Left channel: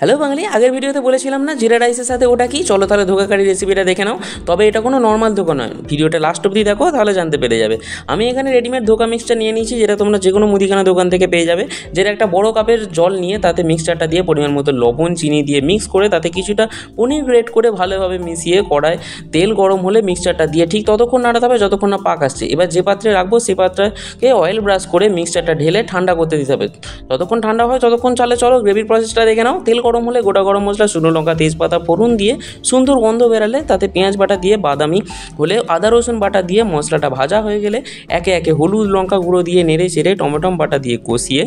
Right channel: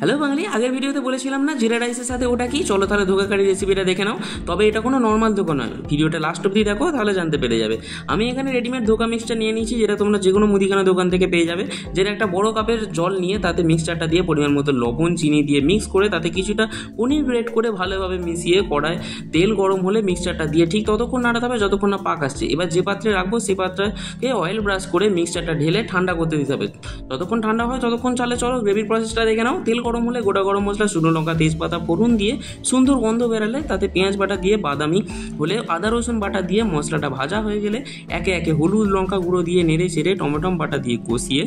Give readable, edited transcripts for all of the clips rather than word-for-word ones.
Hello বাঙালি, আগের ভিডিওতে বলেছিলাম না জিরা রাইসের সাথে ওটা কি, চলো তাহলে ধোকা কারি রেসিপিটা দেখে নাও। তবে এটা কোনো নর্মাল ধোকা নয়, ভিডিওটা লাস্ট অবধি দেখো তাহলে জানতে পেরে যাবে। আমি এখানে রেডিমেড ধোকা মিক্সচার নিয়ে নিয়েছি, যেটা তোমরা যে কোনো মুদিখানা দোকান থেকে পেয়ে যাবে। যেটা একটা বড় কাপের জল নিয়ে তাতে মিক্সচারটা দিয়ে পরিমাণ মতো লবণ চিনি দিয়ে মিক্স করে তাতে কিছুটা পনির গ্রেট করে ভালোভাবে মিশিয়ে কড়ায় তেল গরম হলে মিক্সচারটা দিয়ে ঠিক ততক্ষণ নাড়াতে হবে যতক্ষণ না পাক আসছে। এবার যে পাত্রে রাখবো সে পাত্রকে অয়েল ব্রাশ করে মিক্সচারটা ঢেলে ঠান্ডা করতে দিতে হবে। যতক্ষণ ঠান্ডা হয় ততক্ষণ চলো গ্রেভির প্রসেসটা দেখে নাও। তেল গরম হলে গোটা গরম মশলা, শুকনো লঙ্কা, তেজপাতা ফোড়ন দিয়ে সুন্দর গন্ধ বেরালে তাতে পেঁয়াজ বাটা দিয়ে, বাদামি হলে আদা রসুন বাটা দিয়ে মশলাটা ভাজা হয়ে গেলে একে একে হলুদ লঙ্কা গুঁড়ো দিয়ে নেড়ে চেড়ে টমেটো বাটা দিয়ে কষিয়ে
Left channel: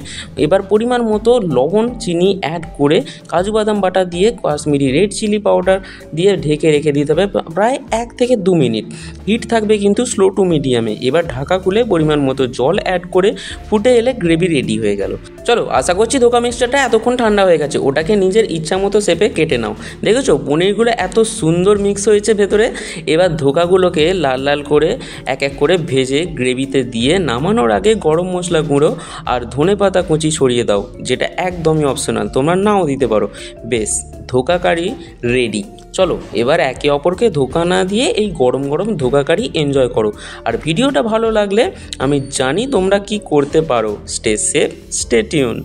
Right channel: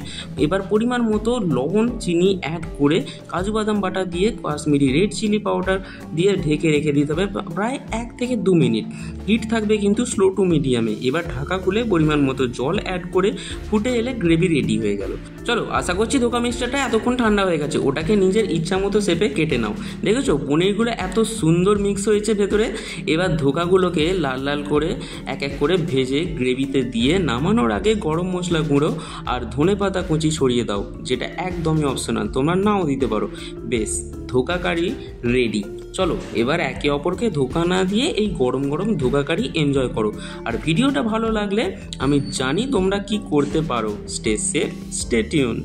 এবার পরিমাণ মতো লবণ চিনি অ্যাড করে কাজু বাদাম বাটা দিয়ে কাশ্মীরি রেড চিলি পাউডার দিয়ে ঢেকে রেখে দিতে হবে প্রায় 1 থেকে 2 মিনিট। হিট থাকবে কিন্তু স্লো টু মিডিয়ামে। এবার ঢাকা খুলে পরিমাণ মতো জল অ্যাড করে ফুটে এলে গ্রেভি রেডি হয়ে গেল। চলো, আশা করছি ধোকা মিক্সচারটা এতক্ষণ ঠান্ডা হয়ে গেছে। ওটাকে নিজের ইচ্ছা মতো শেপে কেটে নাও। দেখেছো পনিরগুলো এত সুন্দর মিক্স হয়েছে ভেতরে। এবার ধোকাগুলোকে লাল লাল করে এক এক করে ভেজে গ্রেভিতে দিয়ে নামানোর আগে গরম মশলা গুঁড়ো আর ধনে পাতা কুচি ছড়িয়ে দাও, যেটা একদমই অপশনাল, তোমরা নাও দিতে পারো। বেশ, ধোকা কারি রেডি। চলো এবার একে অপরকে ধোকা না দিয়ে এই গরম গরম ধোকা কারি এনজয় করো। আর ভিডিওটা ভালো লাগলে আমি জানি তোমরা কি করতে পারো। Stay safe, stay tune.